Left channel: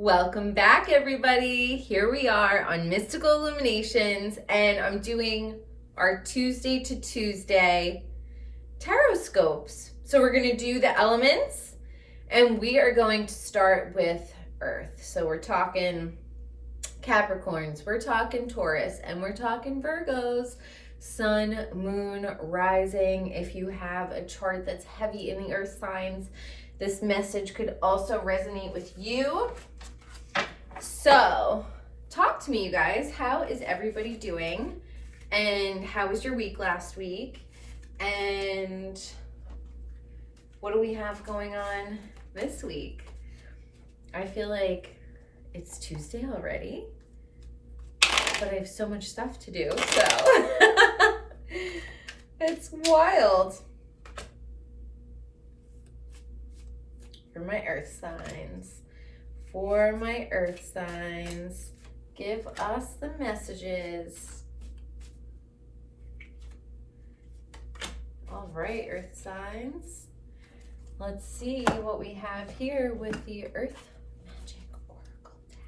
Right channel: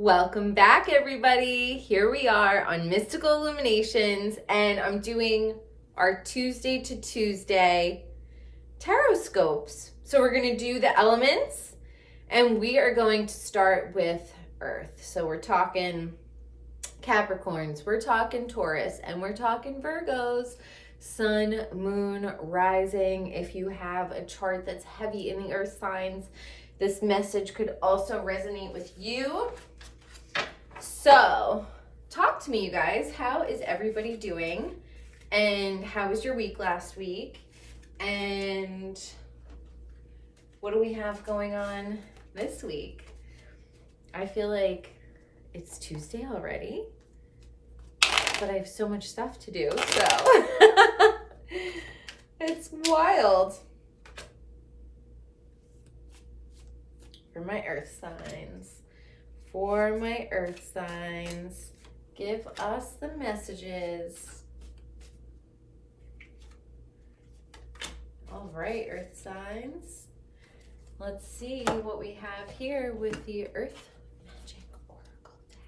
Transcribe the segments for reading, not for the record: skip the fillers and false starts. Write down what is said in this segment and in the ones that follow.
Welcome back, everybody. Here we are on Mystical Illuminations, and I'm doing our Tuesday to Tuesday Tarotscopes. So we're going to do the elements, and we are going to start with Earth. So we're talking Capricorns, we're talking Taurus, and we're talking Virgos, Sun, Moon, Rising. If you have a chart that's heavy in the Earth signs, this message could also resonate with you. So, talk to me, you guys. How is everybody doing? And how was your week last week? And what do we have going on this week? I feel like it's Tuesday already, but I have so much stuff to do, so it's wild. For my earth signs. For my earth signs, give us the messages. All right, earth signs. Let's see what we have here with the Earth Magic Oracle deck.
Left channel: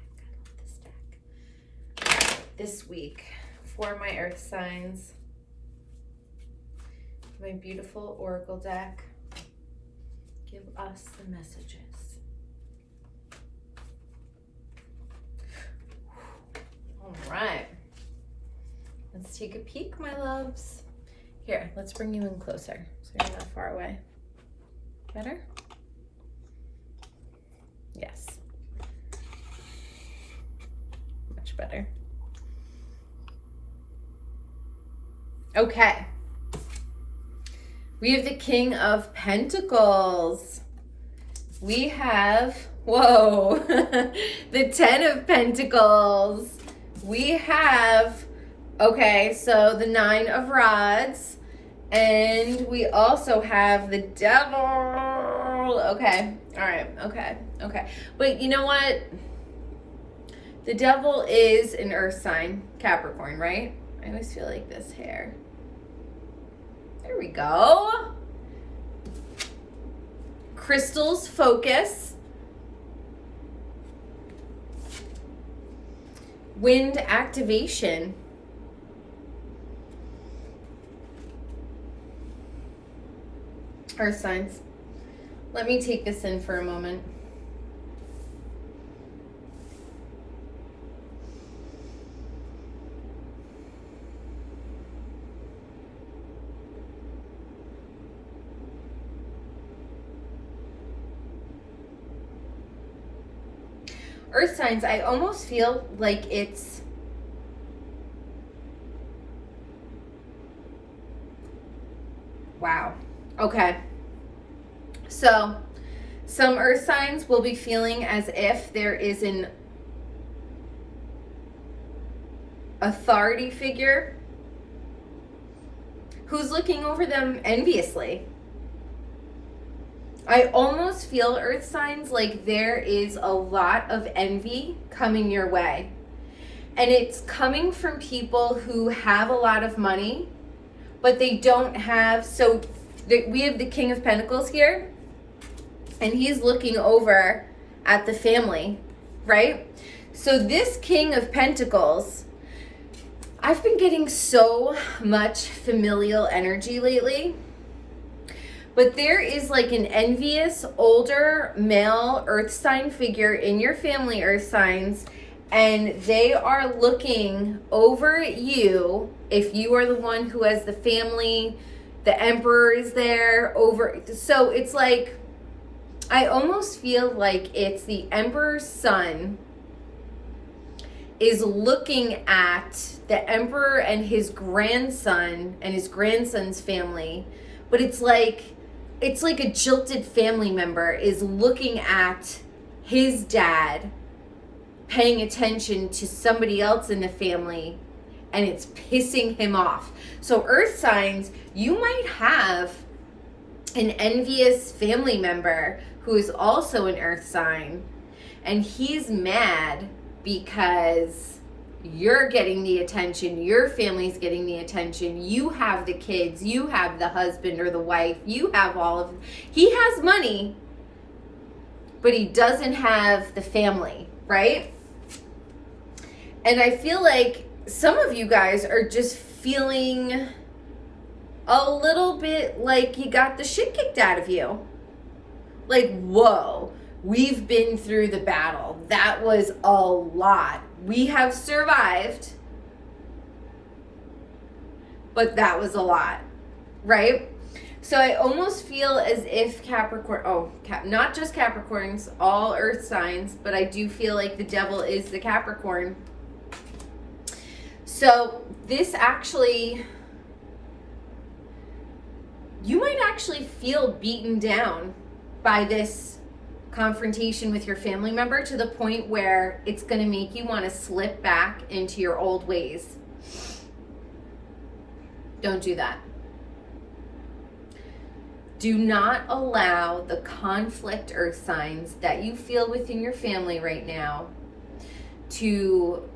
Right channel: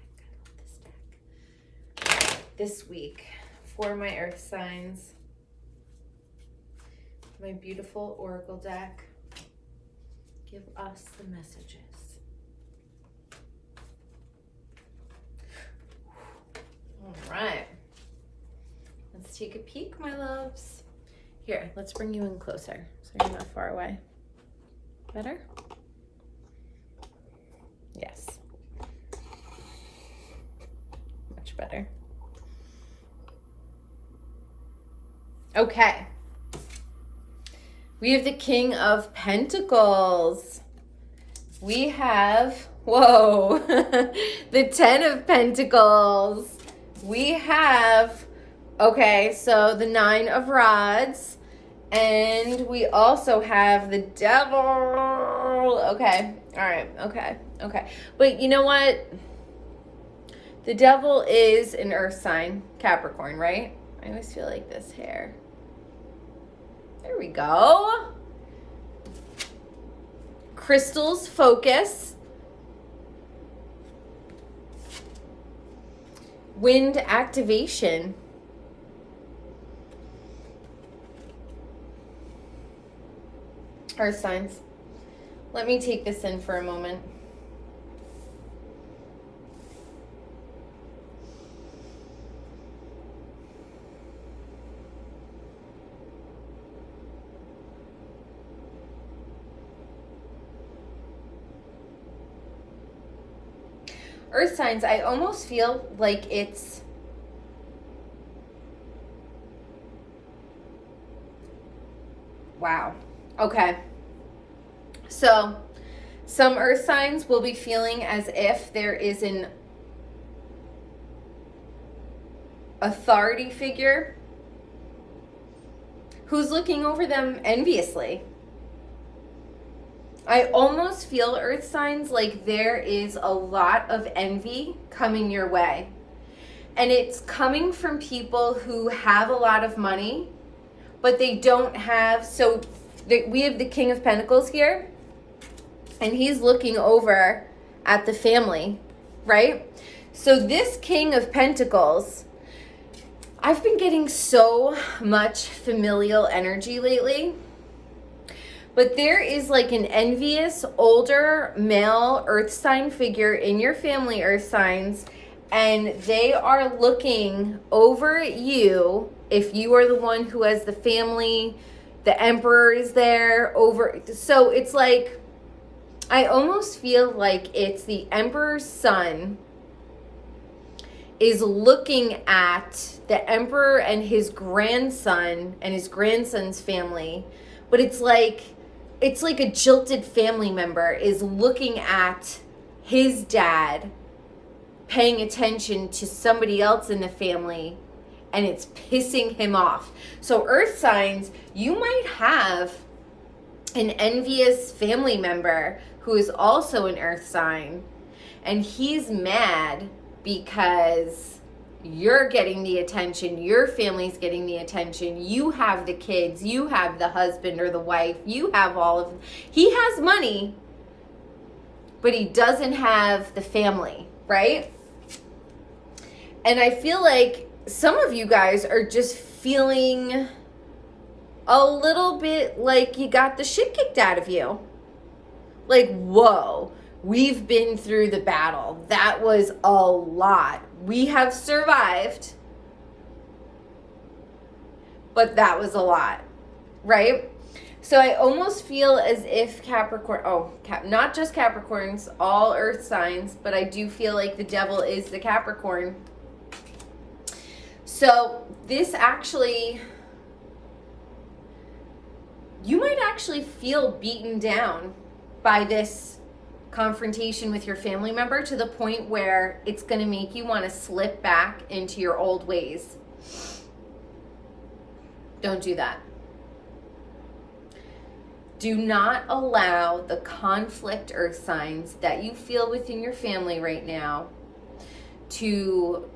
I love this deck. This week, for my earth signs, my beautiful Oracle deck, give us the messages. All right, let's take a peek, my loves. Here, let's bring you in closer so you're not far away. Better? Yes. Much better. Okay. We have the King of Pentacles. We have, whoa, the 10 of Pentacles. We have, okay, so the 9 of Rods, and we also have the Devil. Okay, all right, okay. But you know what? The Devil is an earth sign, Capricorn, right? I always feel like this hair. There we go. Crystals focus. Wind activation. Earth signs. Let me take this in for a moment. Earth signs, I almost feel like it's wow. Okay. So, some earth signs will be feeling as if there is an authority figure who's looking over them enviously. I almost feel, earth signs, like there is a lot of envy coming your way. And it's coming from people who have a lot of money, but they don't have, so we have the King of Pentacles here, and he's looking over at the family, right? So this King of Pentacles, I've been getting so much familial energy lately. But there is like an envious older male earth sign figure in your family, earth signs, and they are looking over you. If you are the one who has the family, the emperor is there over. So it's like, I almost feel like it's the emperor's son is looking at the emperor and his grandson and his grandson's family. But it's like a jilted family member is looking at his dad, paying attention to somebody else in the family, and it's pissing him off. So earth signs, you might have an envious family member who is also an earth sign, and he's mad because you're getting the attention, your family's getting the attention, you have the kids, you have the husband or the wife, you have all of, he has money, but he doesn't have the family, right? And I feel like some of you guys are just feeling a little bit like you got the shit kicked out of you. Like, whoa, we've been through the battle. That was a lot. We have survived, but that was a lot, right? So I almost feel as if Capricorn, not just Capricorns, all earth signs, but I do feel like the devil is the Capricorn. So this actually, you might actually feel beaten down by this confrontation with your family member to the point where it's going to make you want to slip back into your old ways. Don't do that. Do not allow the conflict, earth signs, that you feel within your family right now to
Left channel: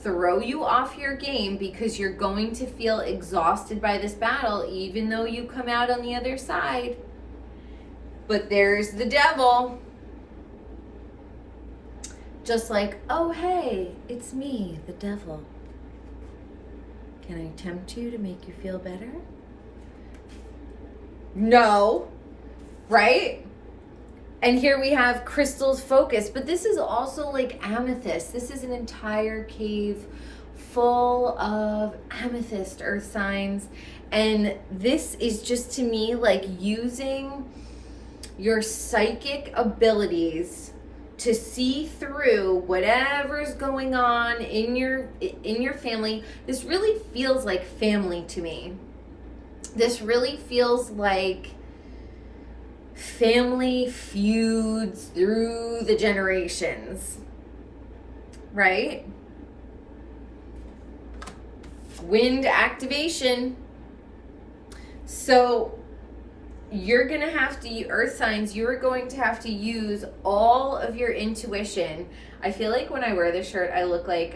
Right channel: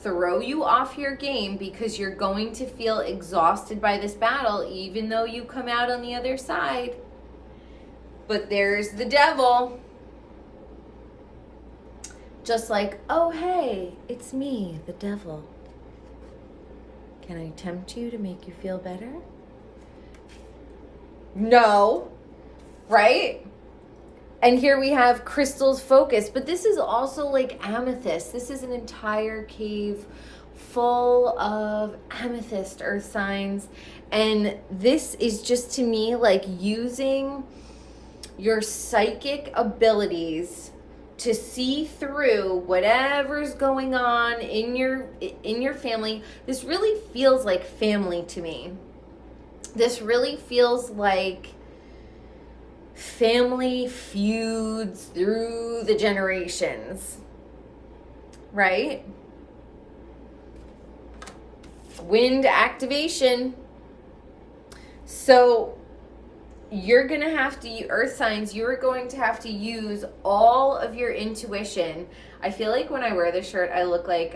throw you off your game, because you're going to feel exhausted by this battle, even though you come out on the other side. But there's the devil. Just like, oh, hey, it's me, the devil. Can I tempt you to make you feel better? No, right? And here we have crystals focus, but this is also like amethyst. This is an entire cave full of amethyst, earth signs. And this is just, to me, like using your psychic abilities to see through whatever's going on in your family. This really feels like family to me. This really feels like family feuds through the generations, right? Wind activation. So you're going to have to, earth signs, you're going to have to use all of your intuition. I feel like when I wear this shirt, I look like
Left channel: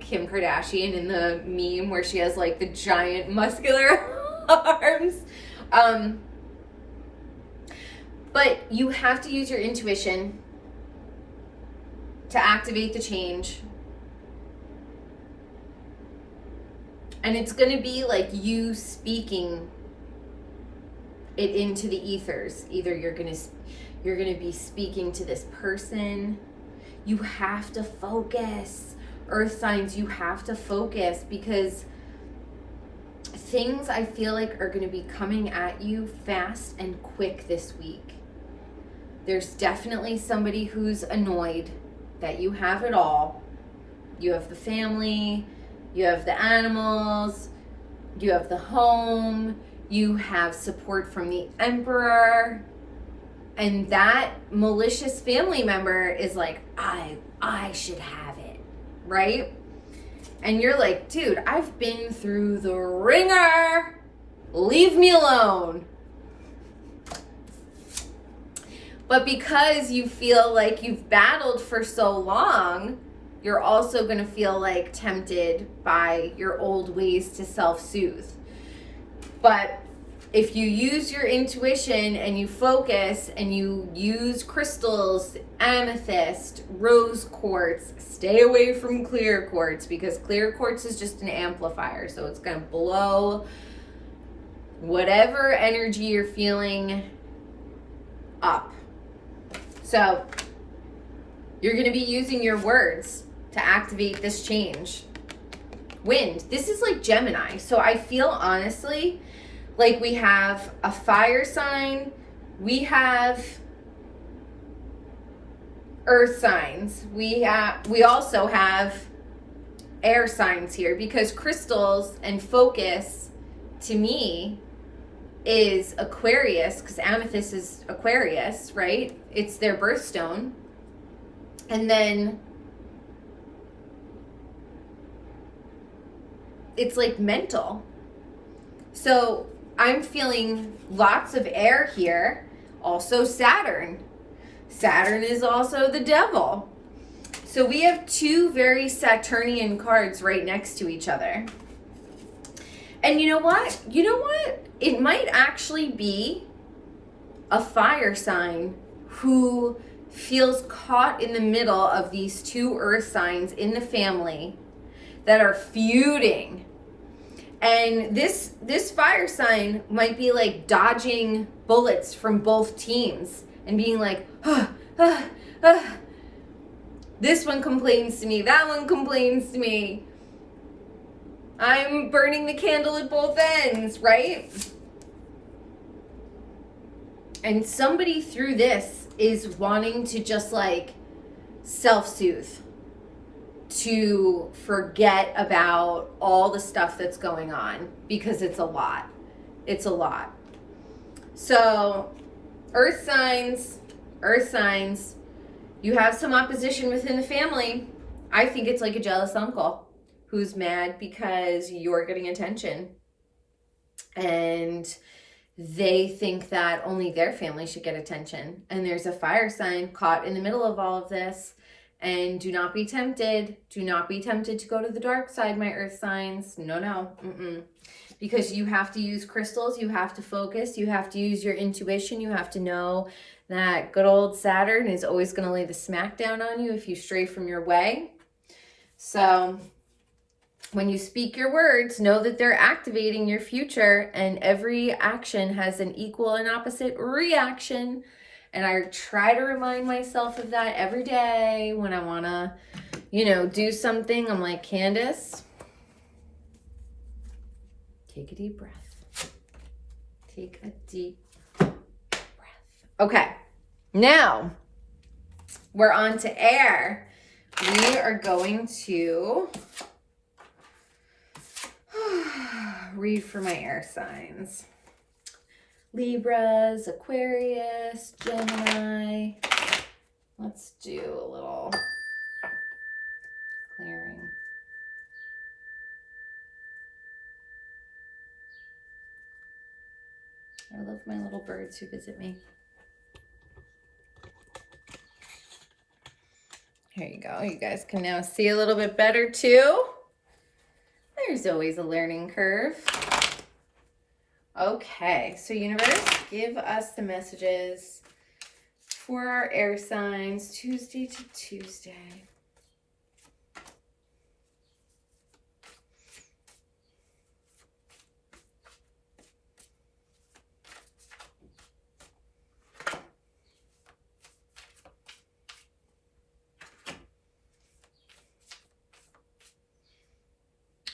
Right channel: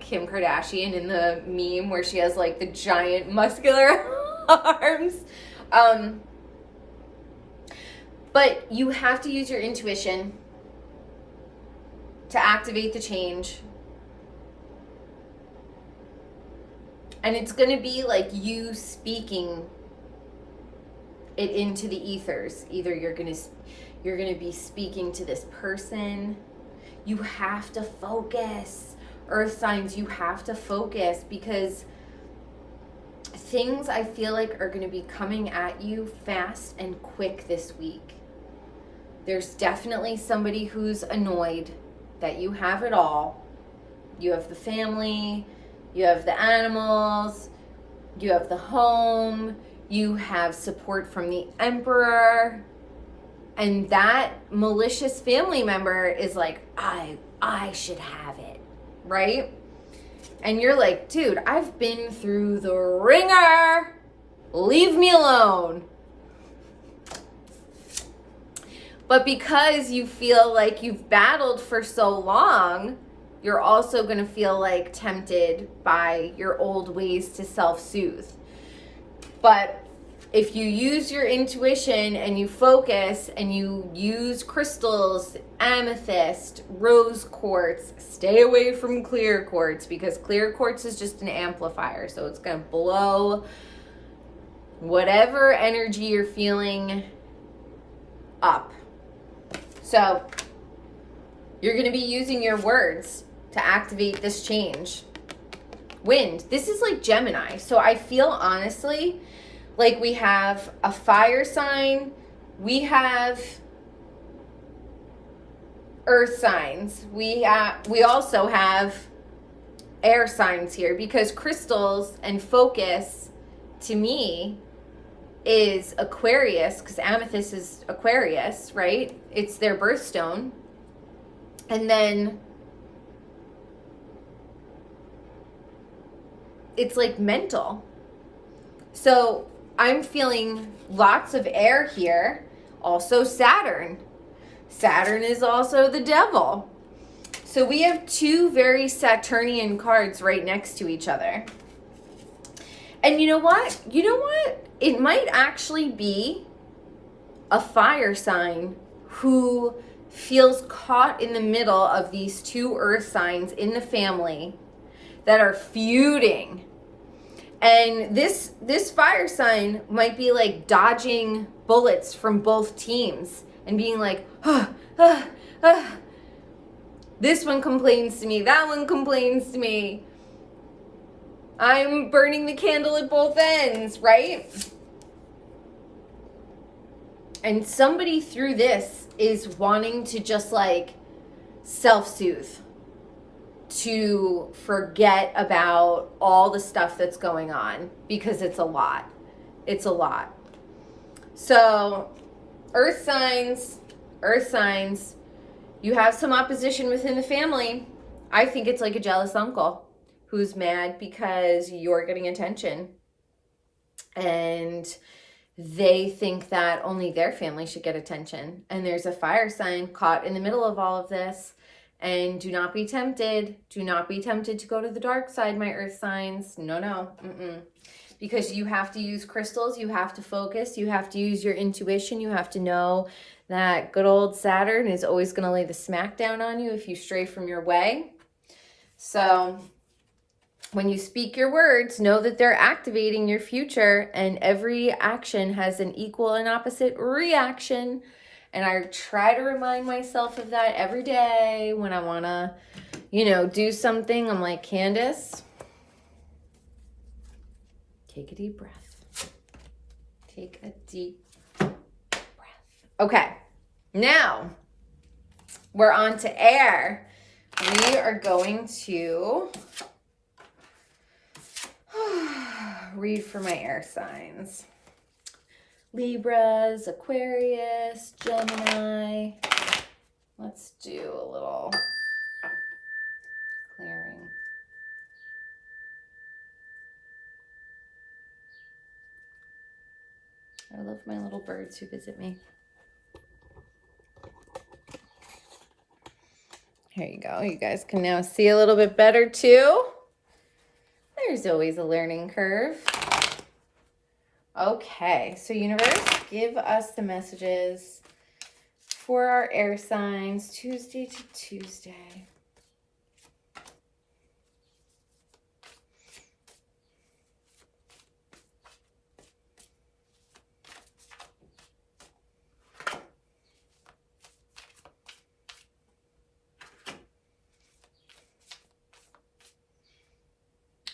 Kim Kardashian in the meme where she has like the giant muscular arms. But you have to use your intuition to activate the change. And it's going to be like you speaking it into the ethers. Either you're going to be speaking to this person. You have to focus. Earth signs, you have to focus, because things I feel like are going to be coming at you fast and quick this week. There's definitely somebody who's annoyed that you have it all. You have the family, you have the animals, you have the home, you have support from the emperor, and that malicious family member is like, I should have it, right? And you're like, dude, I've been through the ringer. Leave me alone. But because you feel like you've battled for so long, you're also going to feel like tempted by your old ways to self-soothe. But if you use your intuition and you focus and you use crystals, amethyst, rose quartz, stay away from clear quartz, because clear quartz is just an amplifier. So it's going to blow whatever energy you're feeling up. So you're going to be using your words to activate this change. Wind. This is like Gemini. So I feel honestly like we have a fire sign. We have earth signs. We also have air signs here, because crystals and focus to me is Aquarius, because amethyst is Aquarius, right? It's their birthstone. And then it's like mental. So I'm feeling lots of air here. Also Saturn. Saturn is also the devil. So we have two very Saturnian cards right next to each other. And you know what? It might actually be a fire sign who feels caught in the middle of these two earth signs in the family that are feuding. And this fire sign might be like dodging bullets from both teams and being like, this one complains to me, that one complains to me. I'm burning the candle at both ends, right? And somebody through this is wanting to just like self-soothe, to forget about all the stuff that's going on, because it's a lot. It's a lot. So, earth signs, you have some opposition within the family. I think it's like a jealous uncle who's mad because you're getting attention. And they think that only their family should get attention. And there's a fire sign caught in the middle of all of this. And do not be tempted. Do not be tempted to go to the dark side, my earth signs. No. Because you have to use crystals. You have to focus. You have to use your intuition. You have to know that good old Saturn is always going to lay the smack down on you if you stray from your way. So when you speak your words, know that they're activating your future, and every action has an equal and opposite reaction. And I try to remind myself of that every day when I want to, do something. I'm like, Candice, take a deep breath. Take a deep breath. Okay, now we're on to air. We are going to read for my air signs. Libras, Aquarius, Gemini. Let's do a little clearing. I love my little birds who visit me. Here you go. You guys can now see a little bit better too. There's always a learning curve. Okay, so universe, give us the messages for our air signs Tuesday to Tuesday.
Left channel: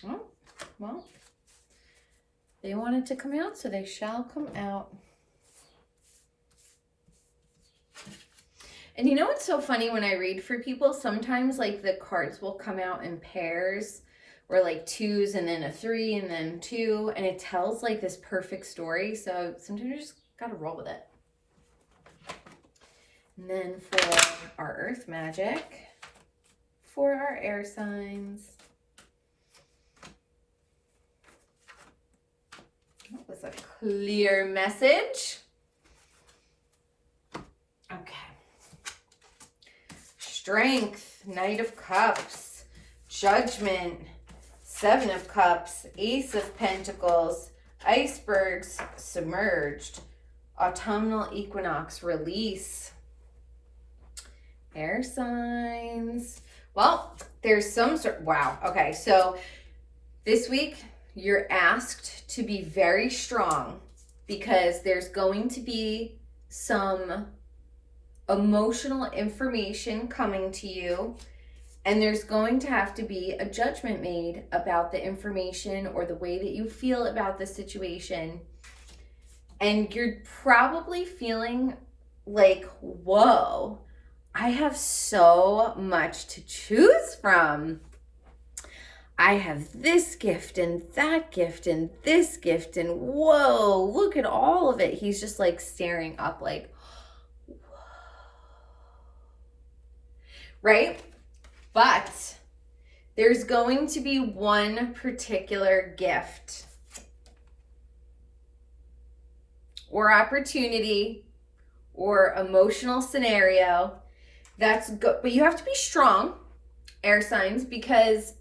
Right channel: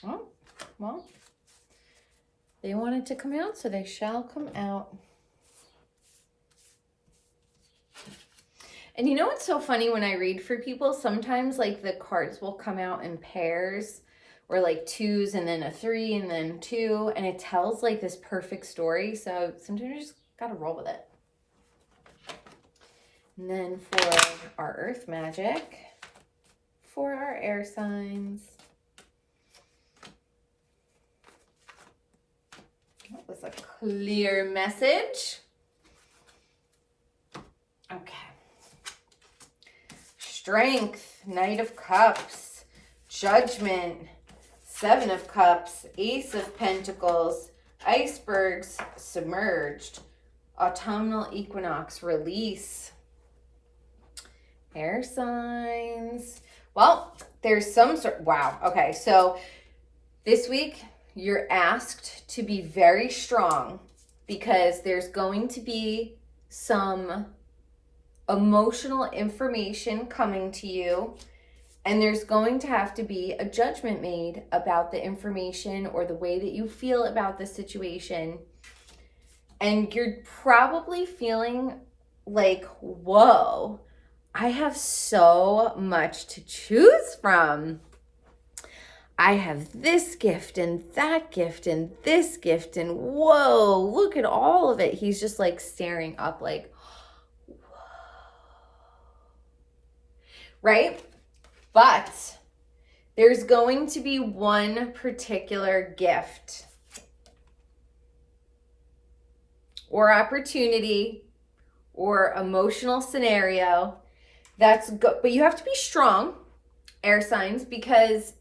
Oh, well. They wanted to come out, so they shall come out. And you know what's so funny when I read for people? Sometimes like the cards will come out in pairs, or like twos and then a 3 and then 2, and it tells like this perfect story. So sometimes you just gotta roll with it. And then for our earth magic, for our air signs, that was a clear message. Okay. Strength, Knight of Cups, Judgment, 7 of Cups, Ace of Pentacles, Icebergs, Submerged, Autumnal Equinox, Release. Air signs. Well, there's some sort, wow. Okay, so this week, you're asked to be very strong because there's going to be some emotional information coming to you, and there's going to have to be a judgment made about the information or the way that you feel about the situation. And you're probably feeling like, whoa, I have so much to choose from. I have this gift and that gift and this gift, and whoa, look at all of it. He's just like staring up like, whoa. Right? But there's going to be one particular gift or opportunity or emotional scenario that's good, but you have to be strong, air signs, because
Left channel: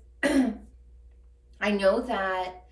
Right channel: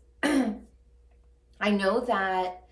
I know that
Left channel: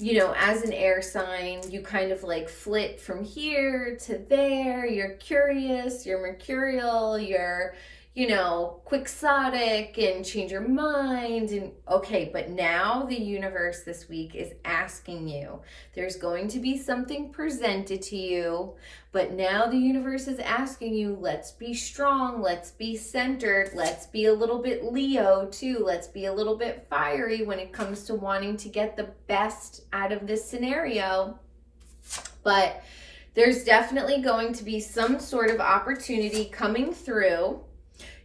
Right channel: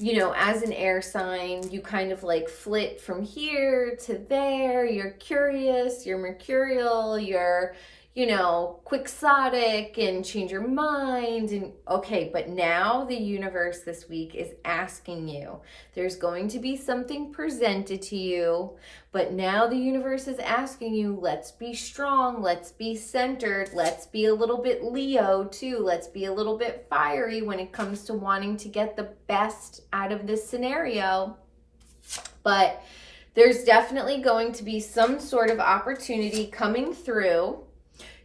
you know, as an air sign, you kind of like flit from here to there. You're curious, you're mercurial, you're, you know, quixotic and change your mind. And okay, but now the universe this week is asking you. There's going to be something presented to you, but now the universe is asking you, let's be strong, let's be centered, let's be a little bit Leo too, let's be a little bit fiery when it comes to wanting to get the best out of this scenario. But there's definitely going to be some sort of opportunity coming through.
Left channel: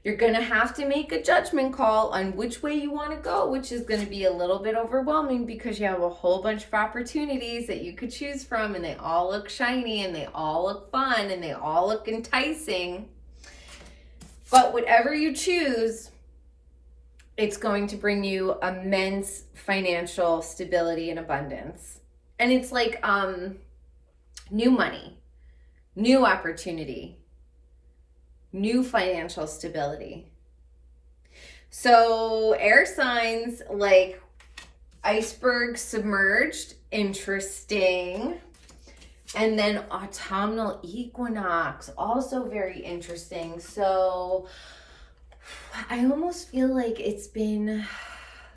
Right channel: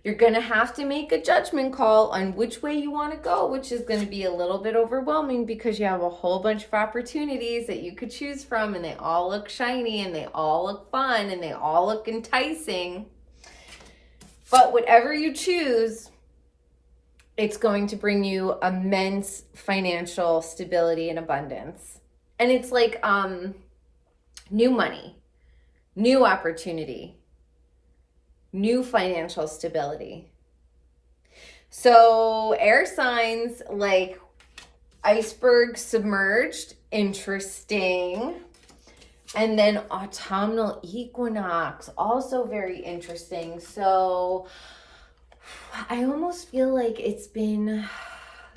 You're going to have to make a judgment call on which way you want to go, which is going to be a little bit overwhelming because you have a whole bunch of opportunities that you could choose from, and they all look shiny and they all look fun and they all look enticing. But whatever you choose, it's going to bring you immense financial stability and abundance. And it's like new money, new opportunity, new financial stability. So air signs, like iceberg submerged, interesting. And then autumnal equinox, also very interesting. So I almost feel like it's been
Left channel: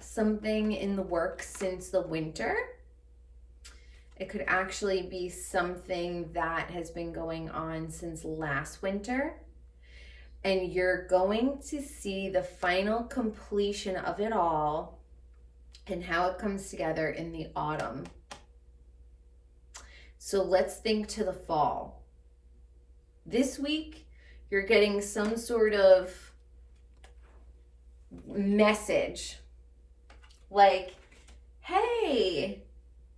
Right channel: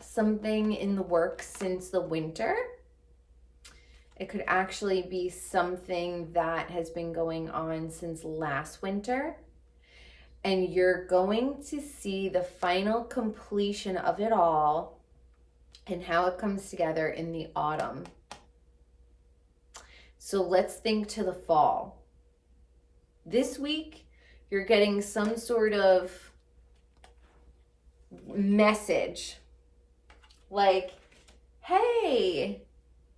something in the works since the winter. It could actually be something that has been going on since last winter. And you're going to see the final completion of it all and how it comes together in the autumn. So let's think to the fall. This week, you're getting some sort of message like, hey,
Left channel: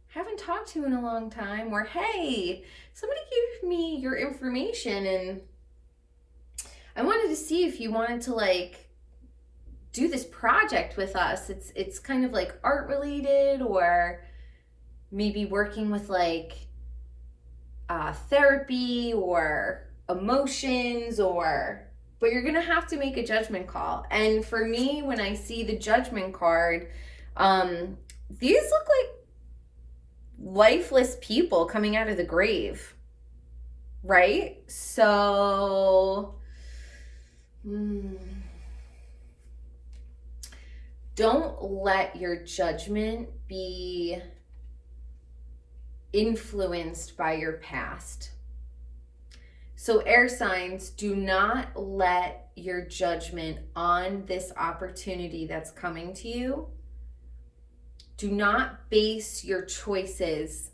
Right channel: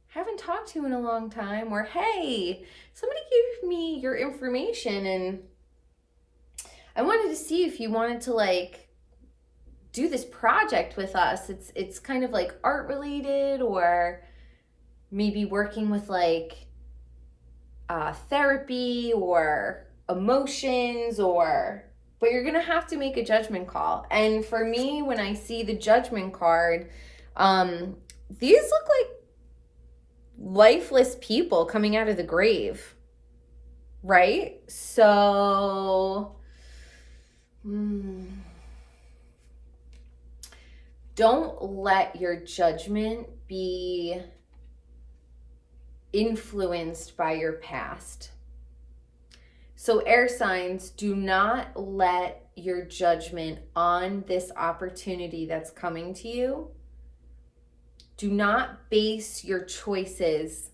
haven't talked to you in a long time, or hey, somebody gave me your information and I wanted to see if you wanted to like do this project with us. It's kind of like art related, or maybe working with like therapy or emotions, but you're gonna have to make a judgment call. And for me, when I see the judgment card, these look like lifeless people coming out of the grave, right? So don't let your judgment be influenced by your past. So air signs, do not let your judgment on this opportunity that's coming to you, do not base your choices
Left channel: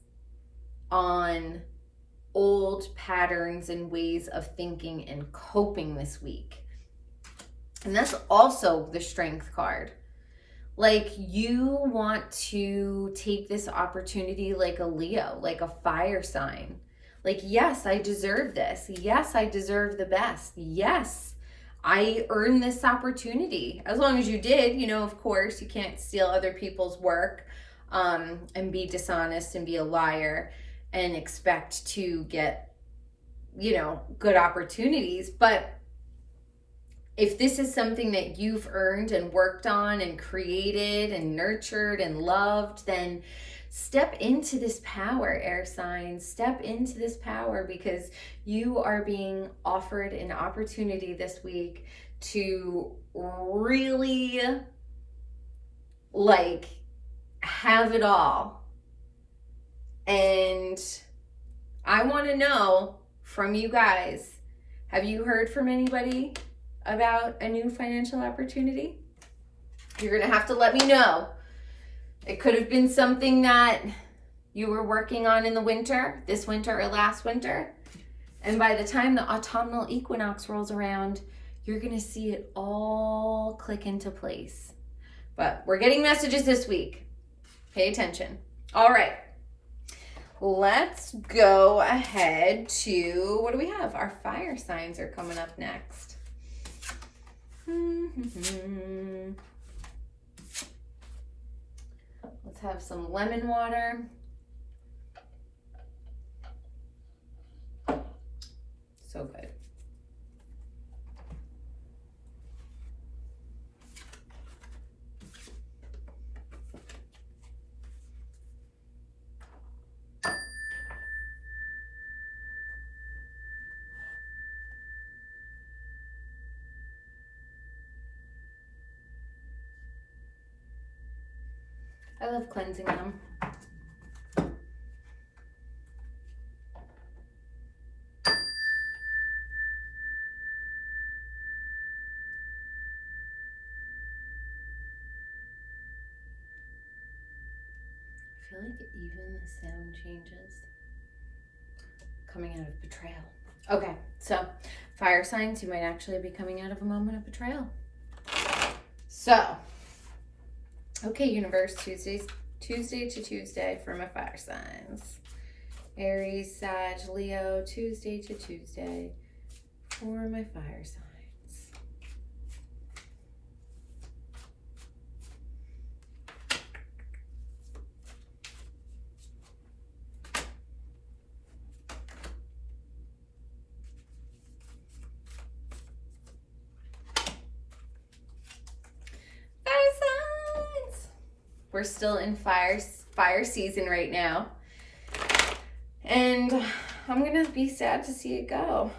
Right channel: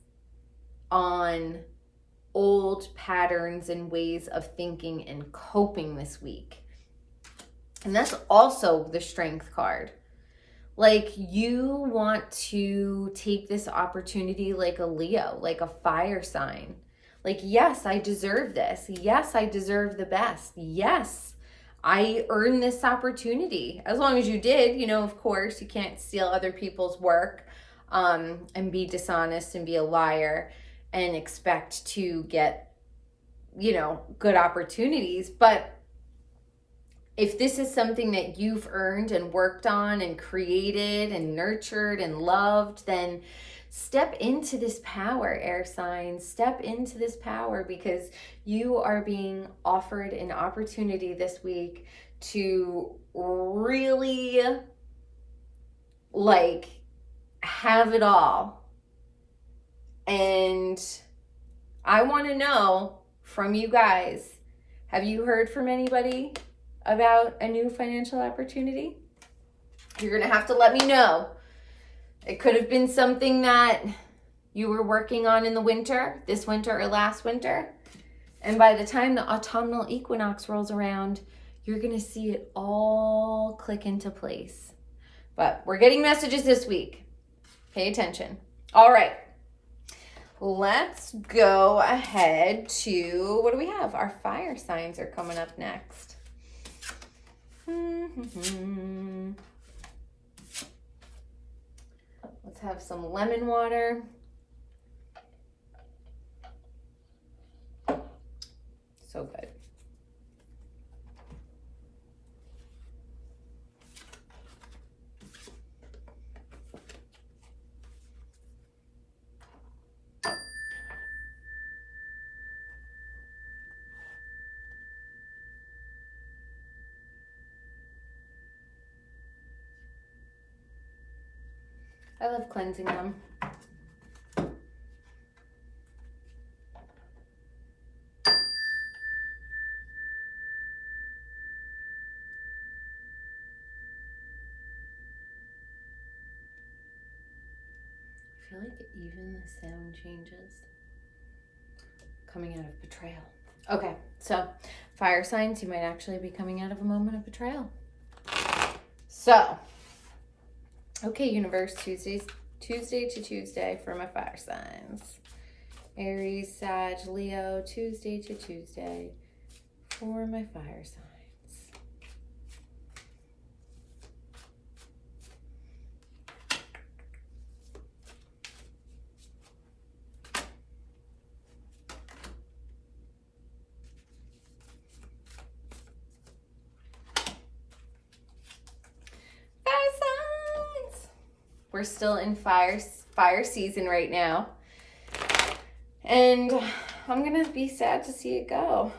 on old patterns and ways of thinking and coping this week. And that's also the Strength card. Like, you want to take this opportunity like a Leo, like a fire sign. Like, yes, I deserve this. Yes, I deserve the best. Yes, I earned this opportunity. As long as you did, you know, of course, you can't steal other people's work and be dishonest and be a liar and expect to get, you know, good opportunities. But if this is something that you've earned and worked on and created and nurtured and loved, then step into this power, air signs. Step into this power, because you are being offered an opportunity this week to really like have it all. And I want to know from you guys, have you heard from anybody about a new financial opportunity? You're going to have to let me know. It could have been something that you were working on in the winter, this winter or last winter. And by the time the autumnal equinox rolls around, you're going to see it all click into place. But we're getting messages this week. Pay attention. All right. Let's go ahead to, what do we have? Our fire signs are coming up next. Let's have some lemon water. So good. I love cleansing them. I feel like even the sound changes. Coming out of betrayal. Okay, so fire signs, you might actually be coming out of a moment of betrayal. So, okay, universe, Tuesday to Tuesday for my fire signs. Aries, Sag, Leo, Tuesday to Tuesday for my fire signs. We're still in fire season right now. And I'm going to be sad to see it go.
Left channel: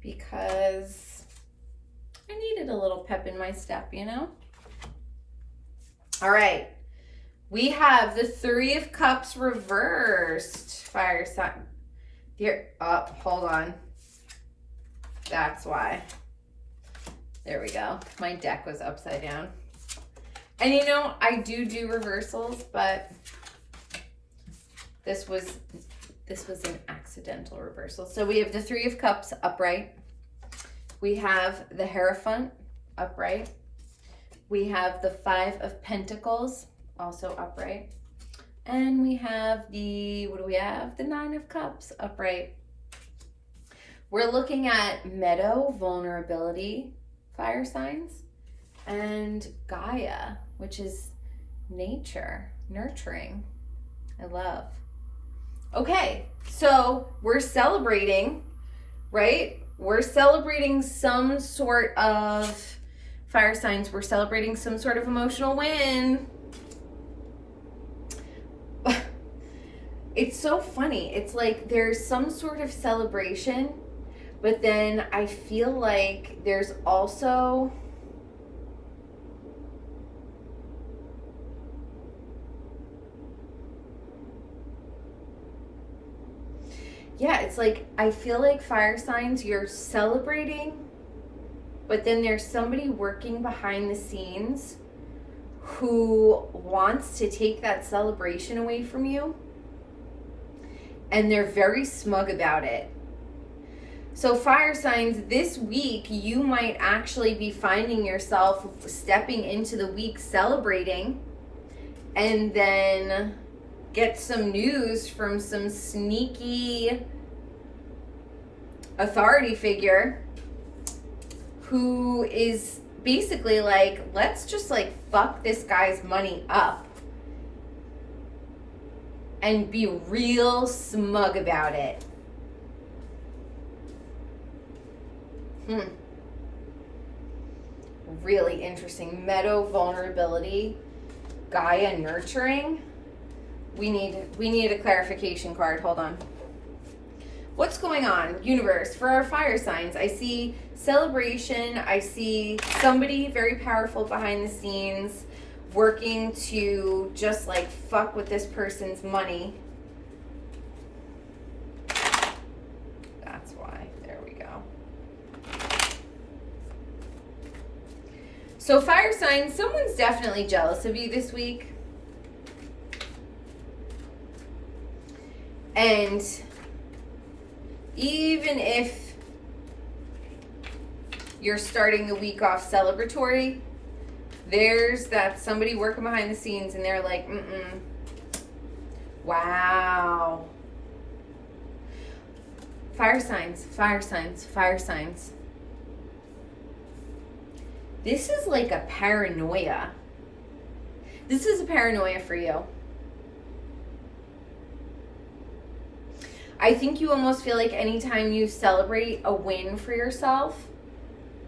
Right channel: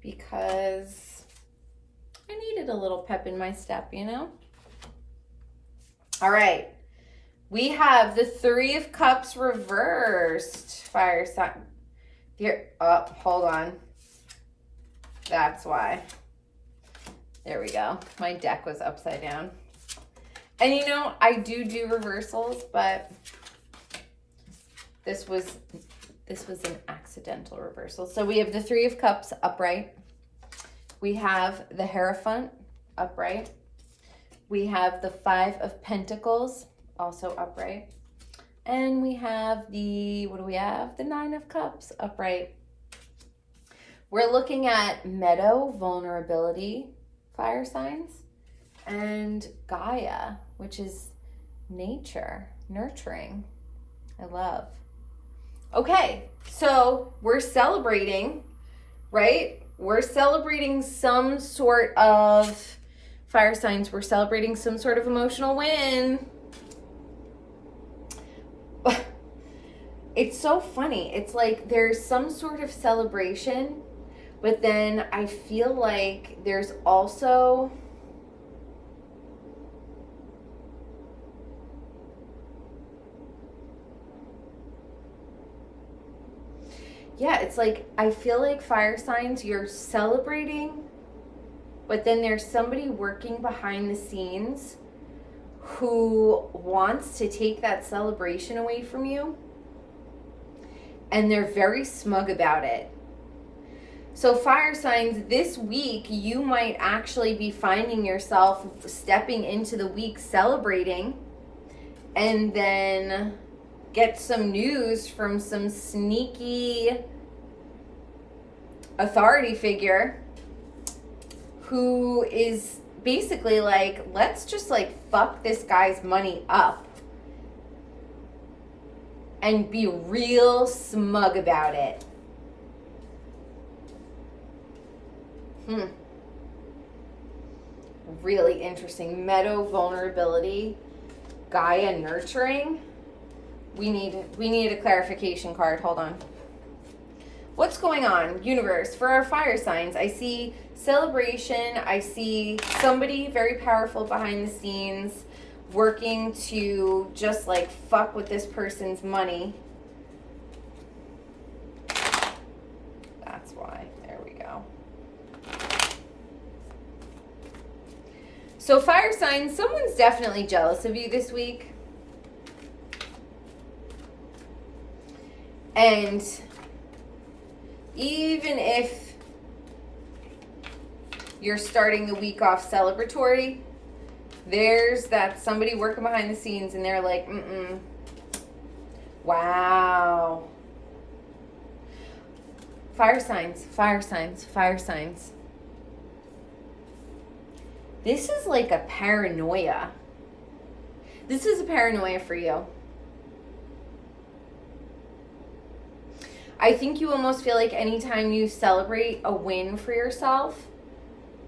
Because I needed a little pep in my step, you know? All right. We have the Three of Cups reversed. Fire sign. Here. Oh, hold on. That's why. There we go. My deck was upside down. And you know, I do reversals, but this was an accidental reversal. So we have the Three of Cups upright. We have the Hierophant upright. We have the Five of Pentacles also upright. And we have the, what do we have? The Nine of Cups upright. We're looking at Meadow, vulnerability, fire signs, and Gaia, which is nature, nurturing. I love. Okay, so we're celebrating, right? We're celebrating some sort of fire signs. We're celebrating some sort of emotional win. It's so funny. It's like there's some sort of celebration, but then I feel like there's also it's like I feel like fire signs, you're celebrating, but then there's somebody working behind the scenes who wants to take that celebration away from you, and they're very smug about it. So fire signs, this week, you might actually be finding yourself stepping into the week celebrating, and then get some news from some sneaky authority figure who is basically like, let's just like fuck this guy's money up and be real smug about it. Really interesting. Meadow, vulnerability, Gaia, nurturing. We need a clarification card. Hold on. What's going on, universe, for our fire signs? I see celebration. I see somebody very powerful behind the scenes working to just like fuck with this person's money. That's why. There we go. So fire signs, someone's definitely jealous of you this week. And even if you're starting the week off celebratory, there's that somebody working behind the scenes and they're like, wow. Fire signs, fire signs, fire signs. This is like a paranoia. This is a paranoia for you. I think you almost feel like anytime you celebrate a win for yourself,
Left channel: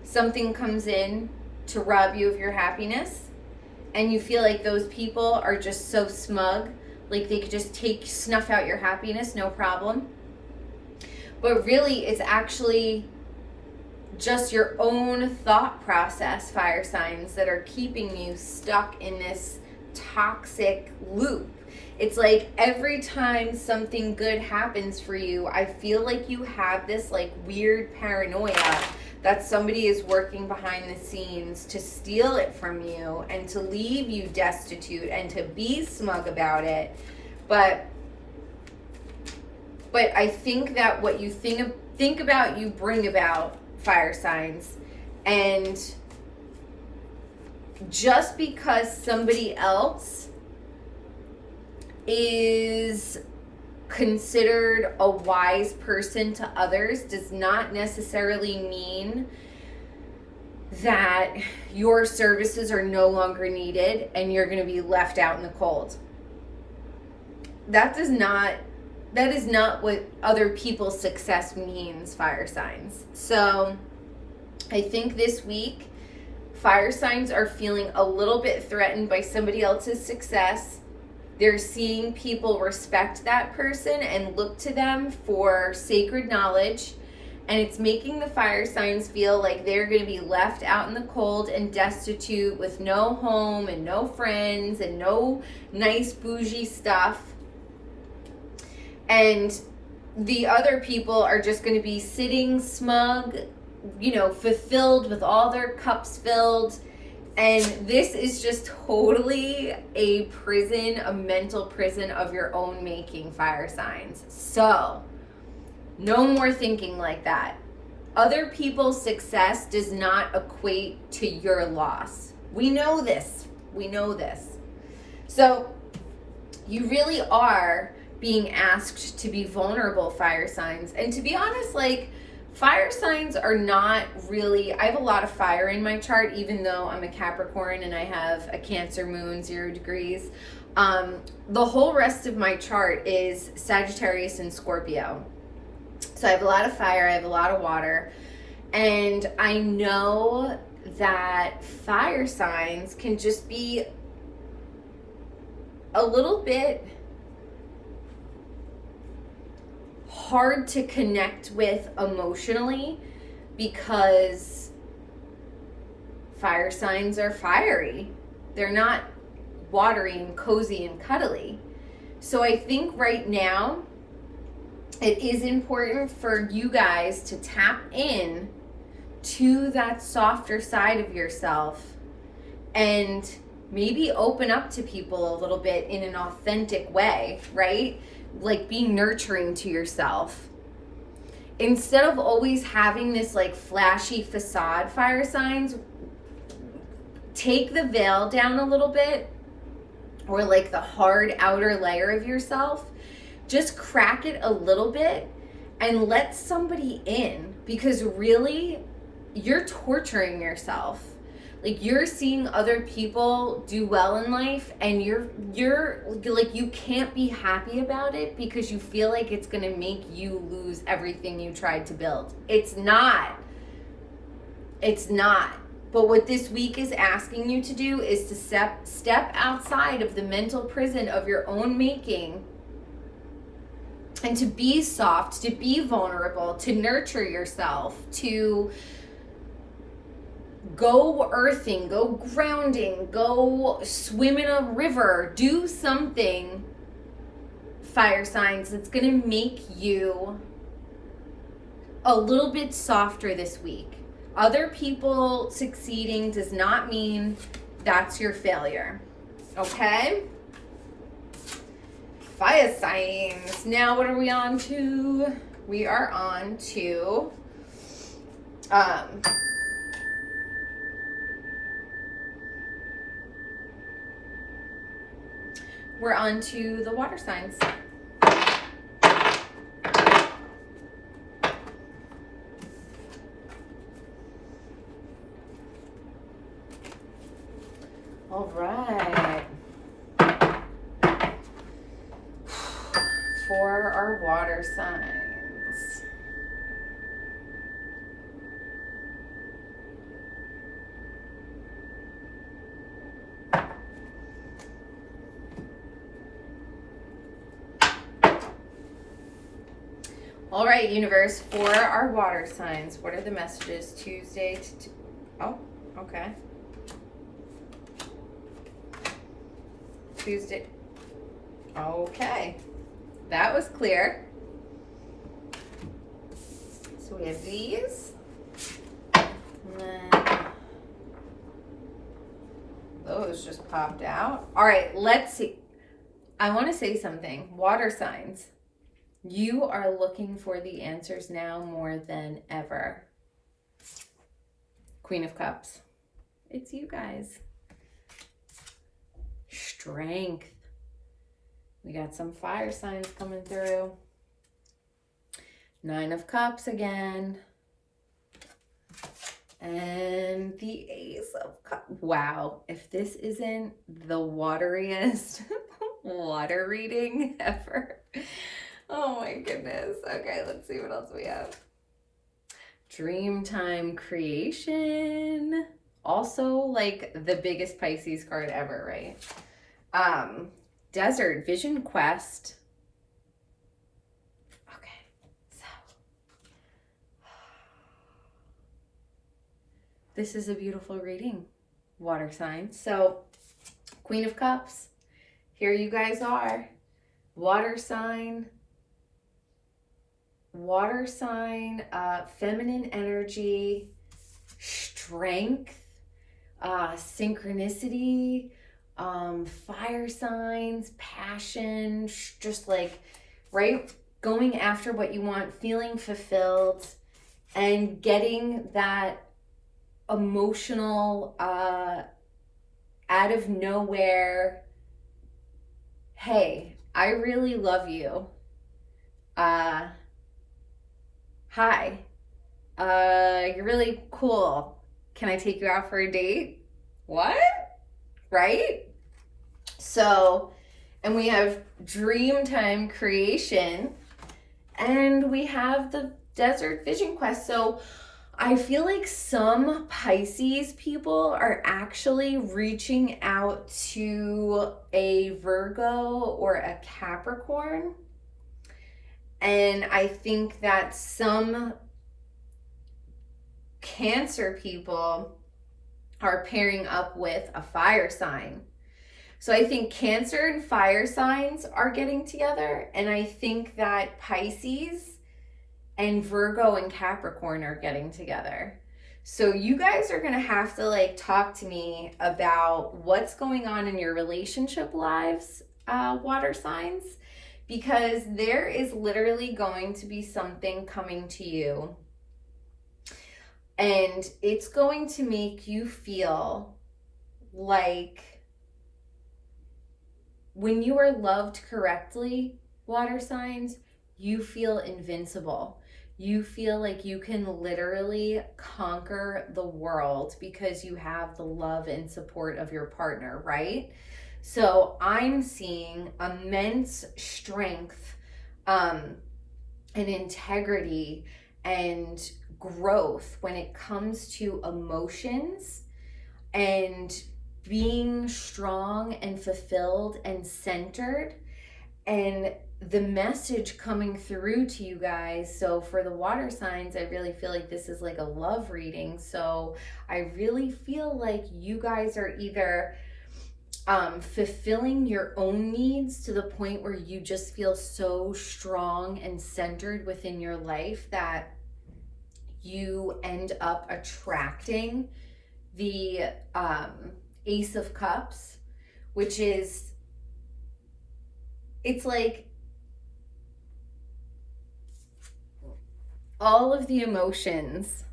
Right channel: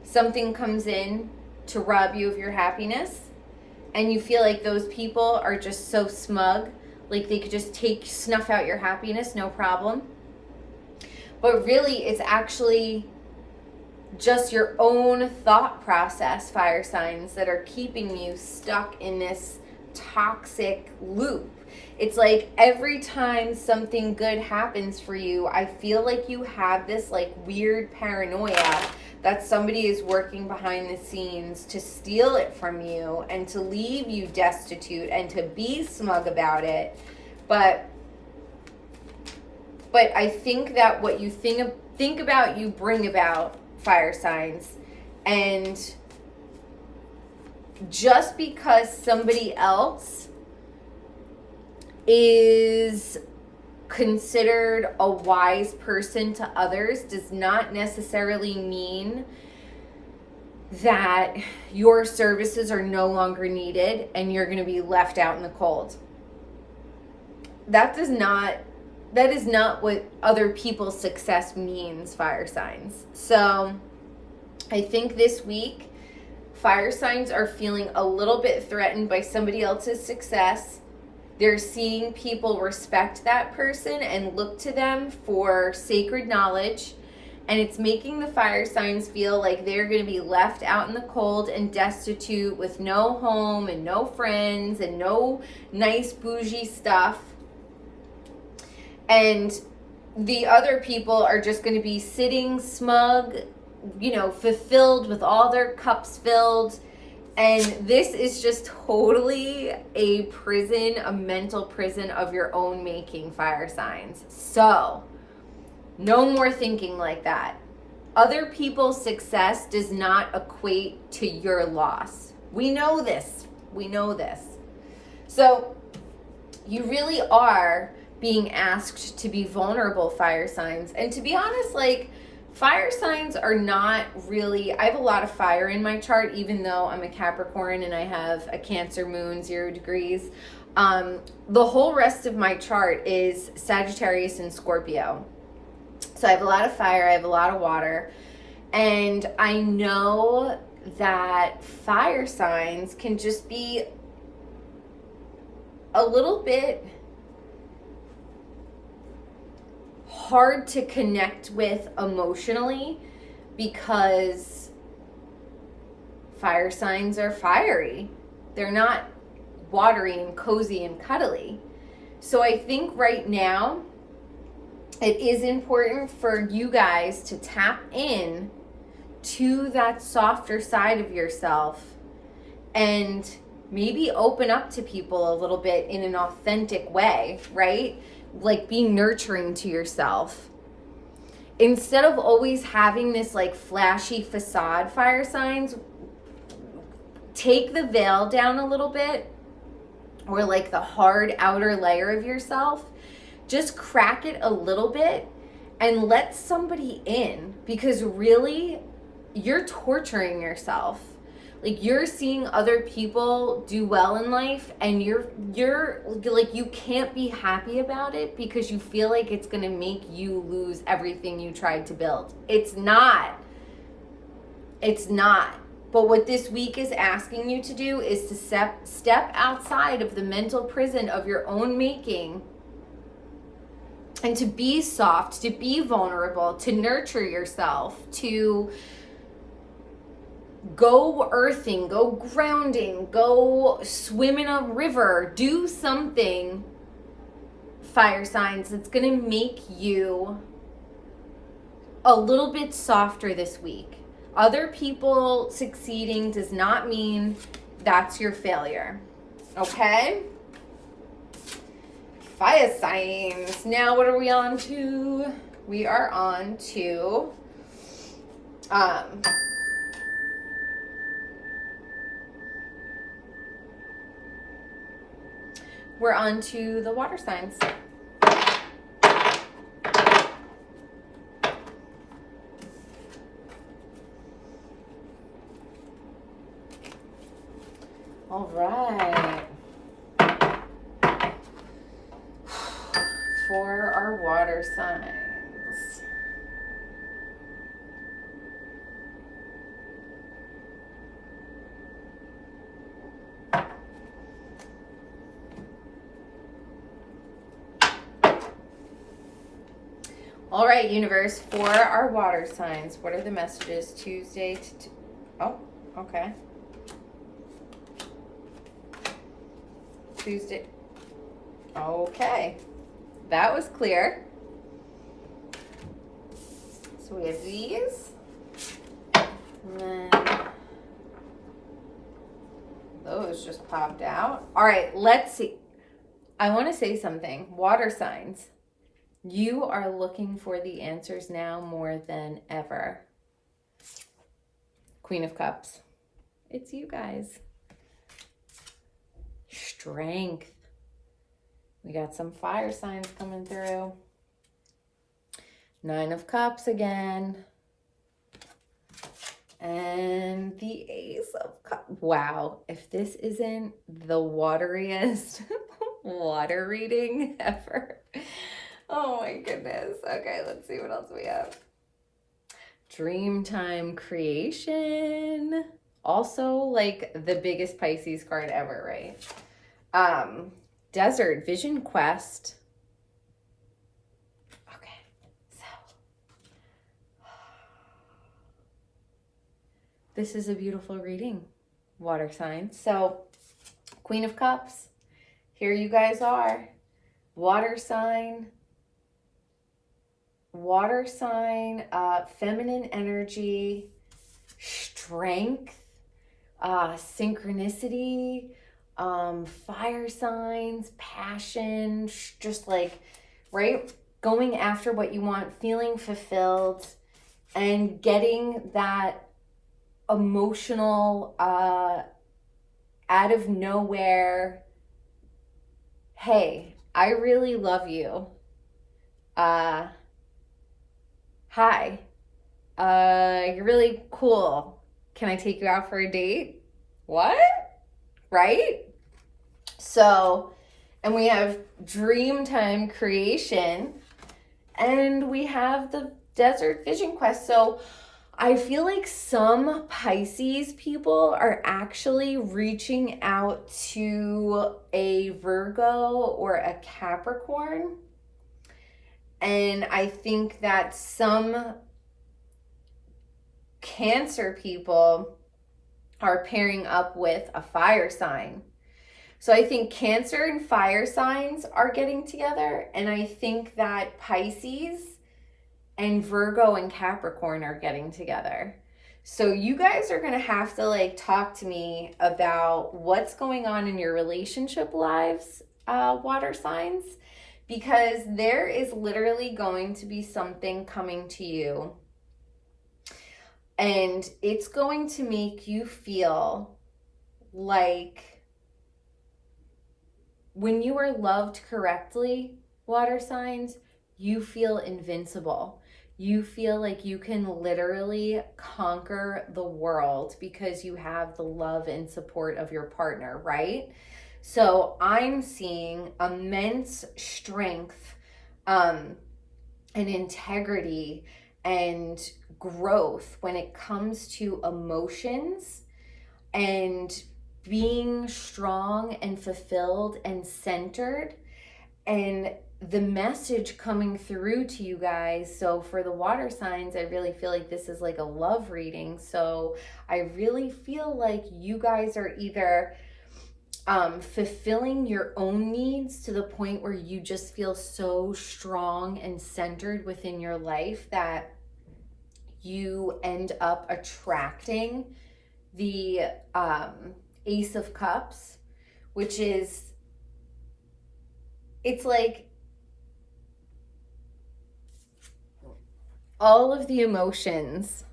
something comes in to rob you of your happiness, and you feel like those people are just so smug, like they could just snuff out your happiness, no problem. But really, it's actually just your own thought process, fire signs, that are keeping you stuck in this toxic loop. It's like every time something good happens for you, I feel like you have this like weird paranoia that somebody is working behind the scenes to steal it from you and to leave you destitute and to be smug about it. But I think that what you think about, you bring about, fire signs. And just because somebody else is considered a wise person to others does not necessarily mean that your services are no longer needed and you're going to be left out in the cold. That is not what other people's success means, fire signs. So I think this week, fire signs are feeling a little bit threatened by somebody else's success. They're seeing people respect that person and look to them for sacred knowledge. And it's making the fire signs feel like they're going to be left out in the cold and destitute with no home and no friends and no nice bougie stuff. And the other people are just going to be sitting smug, fulfilled with all their cups filled. And this is just totally a prison, a mental prison of your own making, fire signs. So, no more thinking like that. Other people's success does not equate to your loss. We know this. So, you really are being asked to be vulnerable, fire signs. And to be honest, fire signs are not really, I have a lot of fire in my chart, even though I'm a Capricorn and I have a Cancer moon, 0 degrees. The whole rest of my chart is Sagittarius and Scorpio. So I have a lot of fire, I have a lot of water. And I know that fire signs can just be a little bit hard to connect with emotionally because fire signs are fiery. They're not watery and cozy and cuddly. So I think right now it is important for you guys to tap in to that softer side of yourself and maybe open up to people a little bit in an authentic way, right? Like being nurturing to yourself. Instead of always having this flashy facade, fire signs, take the veil down a little bit, or the hard outer layer of yourself. Just crack it a little bit and let somebody in, because really you're torturing yourself. You're seeing other people do well in life and you're you can't be happy about it because you feel like it's going to make you lose everything you tried to build. It's not. But what this week is asking you to do is to step outside of the mental prison of your own making and to be soft, to be vulnerable, to nurture yourself, to go earthing, go grounding, go swim in a river, do something, fire signs, that's going to make you a little bit softer this week. Other people succeeding does not mean that's your failure. Okay? Fire signs. Now what are we on to? We are on to we're on to the water signs. All right. For our water signs. All right, universe, for our water signs, what are the messages Tuesday to oh, okay. Tuesday. Okay. That was clear. So we have these. And then those just popped out. All right, let's see. I want to say something. Water signs. You are looking for the answers now more than ever. Queen of Cups. It's you guys. Strength. We got some fire signs coming through. Nine of Cups again. And the Ace of Cups. Wow. If this isn't the wateriest water reading ever. Oh my goodness. Okay, let's see what else we have. Dreamtime creation. Also like the biggest Pisces card ever, right? Desert vision quest. Okay, so this is a beautiful reading, water signs. So Queen of Cups, here you guys are. Water sign, feminine energy, strength, synchronicity, fire signs, passion, just like, right? Going after what you want, feeling fulfilled, and getting that emotional, out of nowhere, hey, I really love you. Hi. You're really cool. Can I take you out for a date? What? Right? So, and we have Dreamtime creation, and we have the Desert Vision Quest. So I feel like some Pisces people are actually reaching out to a Virgo or a Capricorn. And I think that some Cancer people are pairing up with a fire sign. So I think Cancer and fire signs are getting together. And I think that Pisces and Virgo and Capricorn are getting together. So you guys are going to have to like talk to me about what's going on in your relationship lives, water signs, because there is literally going to be something coming to you. And it's going to make you feel like when you are loved correctly, water signs, you feel invincible. You feel like you can literally conquer the world because you have the love and support of your partner, right? So I'm seeing immense strength, and integrity and growth when it comes to emotions and being strong and fulfilled and centered, and the message coming through to you guys. So for the water signs, I really feel like this is like a love reading. So I really feel like you guys are either fulfilling your own needs to the point where you just feel so strong and centered within your life that you end up attracting the Ace of Cups, which is, it's like all of the emotions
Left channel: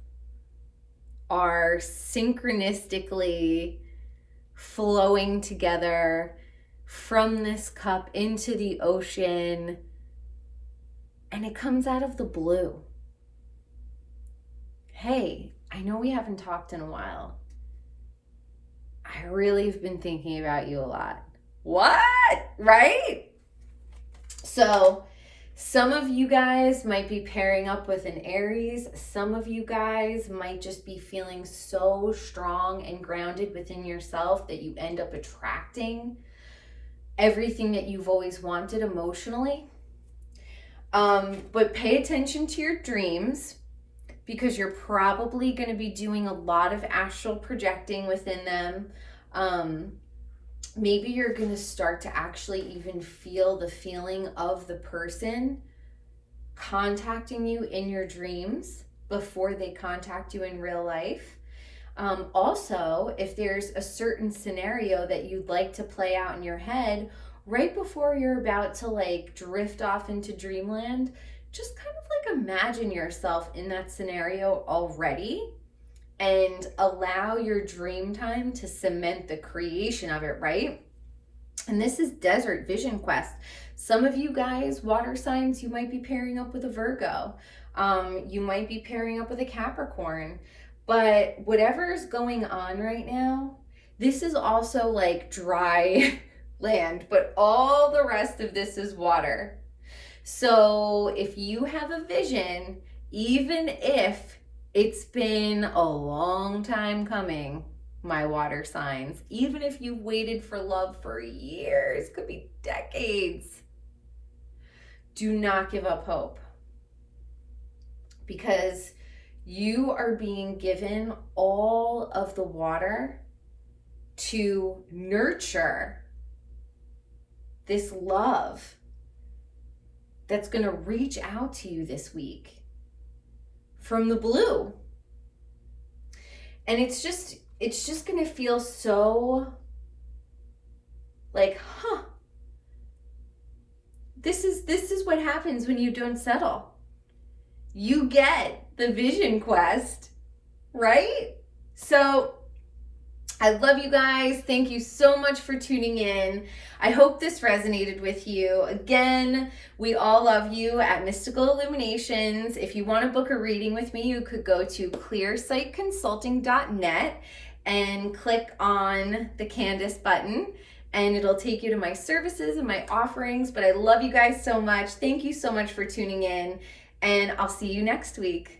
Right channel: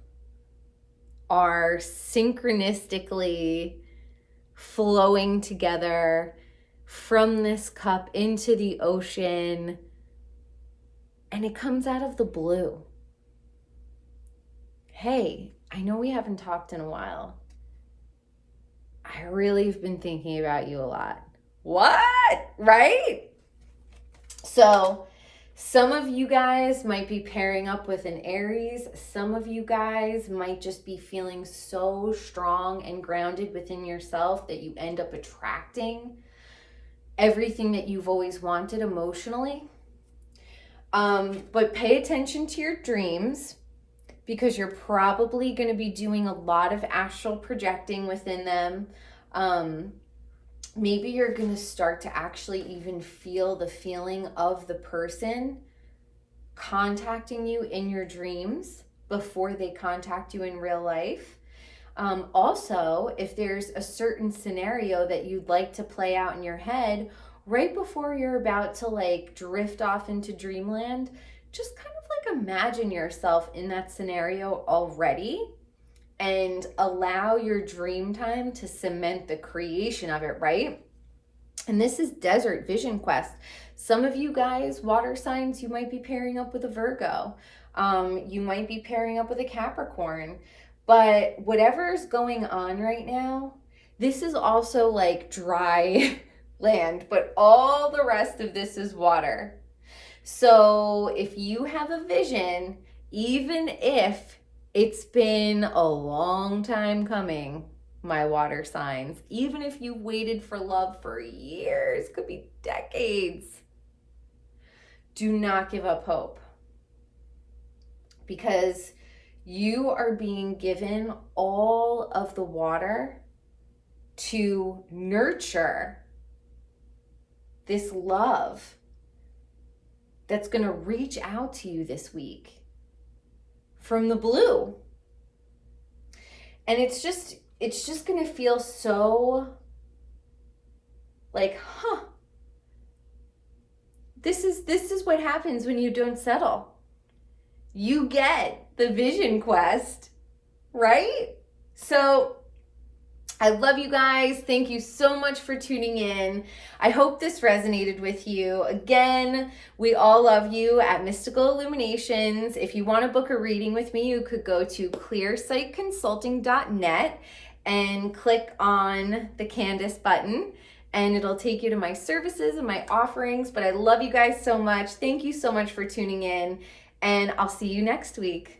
are synchronistically flowing together from this cup into the ocean, and it comes out of the blue. Hey, I know we haven't talked in a while. I really have been thinking about you a lot. What? Right? So some of you guys might be pairing up with an Aries. Some of you guys might just be feeling so strong and grounded within yourself that you end up attracting everything that you've always wanted emotionally. But pay attention to your dreams, because you're probably going to be doing a lot of astral projecting within them. Maybe you're going to start to actually even feel the feeling of the person contacting you in your dreams before they contact you in real life. Also, if there's a certain scenario that you'd like to play out in your head right before you're about to like drift off into dreamland, just kind of like imagine yourself in that scenario already and allow your dream time to cement the creation of it, right? And this is Desert Vision Quest. Some of you guys, water signs, you might be pairing up with a Virgo. You might be pairing up with a Capricorn. But whatever's going on right now, this is also like dry land, but all the rest of this is water. So if you have a vision, even if it's been a long time coming, my water signs, even if you waited for love for years, could be decades, do not give up hope, because you are being given all of the water to nurture this love that's going to reach out to you this week from the blue. And it's just going to feel so like, this is what happens when you don't settle. You get the vision quest, right? So I love you guys. Thank you so much for tuning in. I hope this resonated with you. Again, we all love you at Mystical Illuminations. If you want to book a reading with me, you could go to clearsightconsulting.net and click on the Candice button, and it'll take you to my services and my offerings. But I love you guys so much. Thank you so much for tuning in, and I'll see you next week.